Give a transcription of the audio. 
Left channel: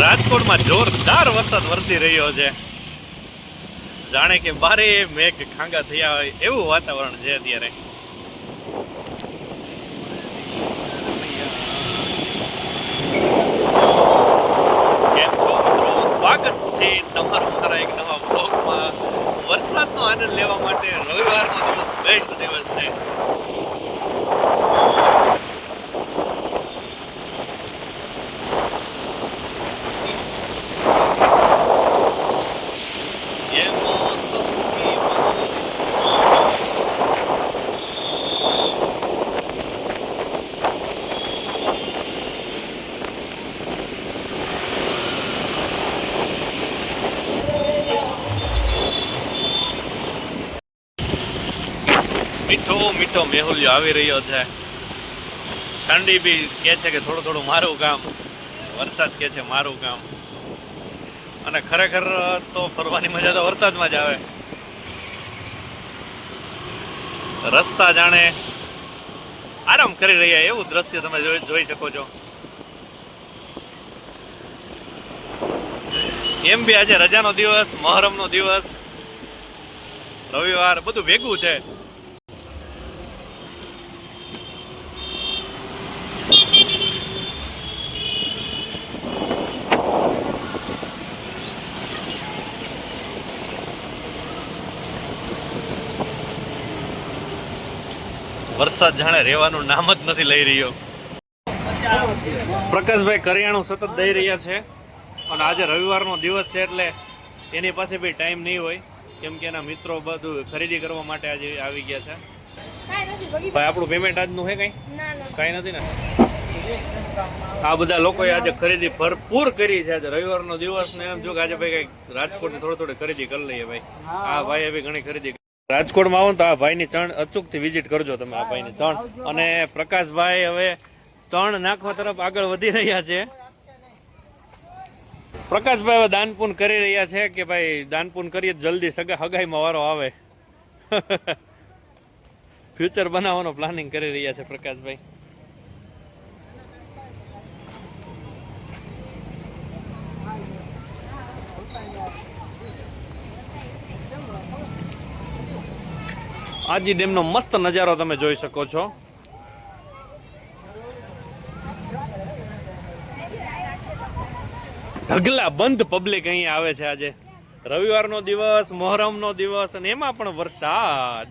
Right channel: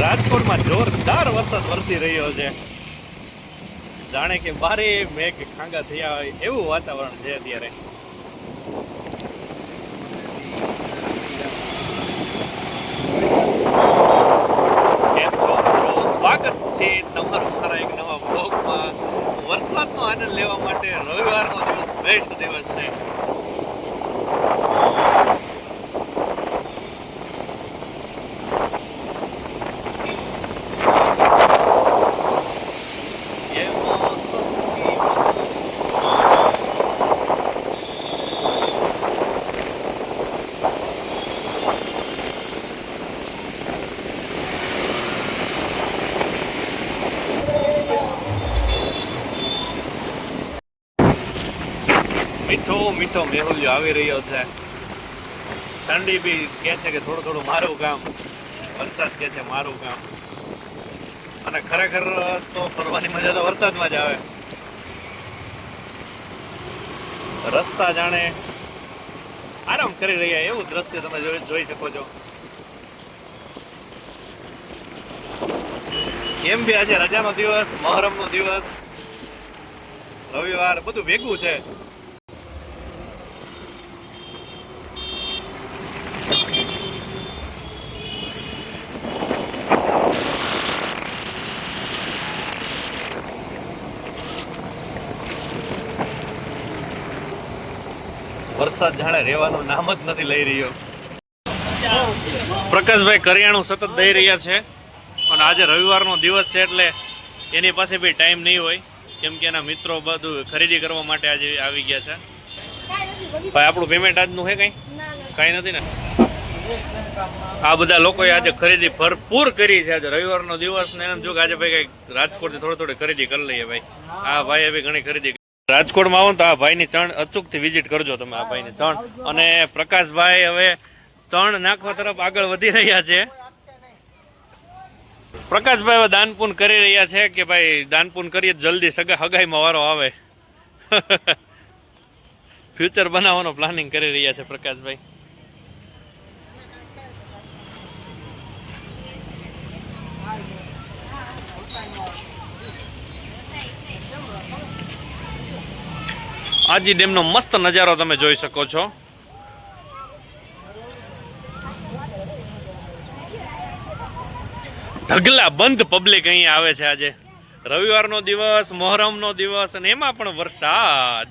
રાજકોટમાં જોરદાર વરસાદ વરસી રહ્યો છે. જાણે કે બારે મેઘ ખાંગા થયા હોય એવું વાતાવરણ છે અત્યારે. કેમ છો મિત્રો? સ્વાગત છે તમારું મારા એક નવા બ્લોગમાં. વરસાદનો આનંદ લેવા માટે રવિવારનો દિવસ બેસ્ટ દિવસ છે. મીઠો મીઠો મેહુલિયો આવી રહ્યો છે. ઠંડી બી કે છે કે થોડું થોડું મારું કામ, વરસાદ કે છે મારું કામ. અને ખરેખર તો ફરવાની મજા તો વરસાદમાં જ આવે. રસ્તા જાણે આરામ કરી રહ્યા એવું દ્રશ્ય તમે જોઈ શકો છો. એમ બી આજે રજાનો દિવસ, મહોરમનો દિવસ, રવિવાર બધું ભેગું છે. વરસાદ જાણે રહેવાનું નામ જ નથી લઈ રહ્યો. પ્રકાશભાઈ કરિયાણું સતત દઈ રહ્યા છે અને આજે રવિવારનો દિવસ છે એટલે એની પાસે બી ટાઈમ નહીં હોય, કેમ કે એના મિત્રો બધું ખરીદી કરવા માટે આજે આવી ગયા છે. ભાઈ આપણું પેમેન્ટ આજનું છે કાંઈ નથી ને? આ બધા લોકોએ આજે ખરીદી ભરપૂર કરી છે. આજે રવિવારનો દિવસ ને એમ જો કે આજે ભાઈ કંઈક રાજકોટથી થોડી ખરીદી કરી લઈએ. ભાઈ આ ભાઈએ બી ઘણી ખરીદી. રાજકોટમાં આવો તો આ ભાઈની ચણ અચૂકથી વિઝિટ કરજો તમે. આ ભાઈની ચણ અને પ્રકાશભાઈ હવે ચણ નાખવા તરફ આગળ વધી રહ્યા છે. પ્રકાશભાઈ હવે દાનપૂન કરી રહ્યા છે કે ભાઈ દાનપૂન કરીએ જલ્દી હગાઈમાં વારો આવે. ફ્યુચર બનાવવાનો પ્લાનિંગ કરી રહ્યા છે પ્રકાશભાઈ. આજી ડેમનો મસ્ત નજારો તમે જોઈ શકો છો. ઢગલા બંધ પબ્લિક અહીંયા આવે છે. આજે રવિવારનો દિવસ, મહોરમનો દિવસ અને એમાં પણ વરસાદ.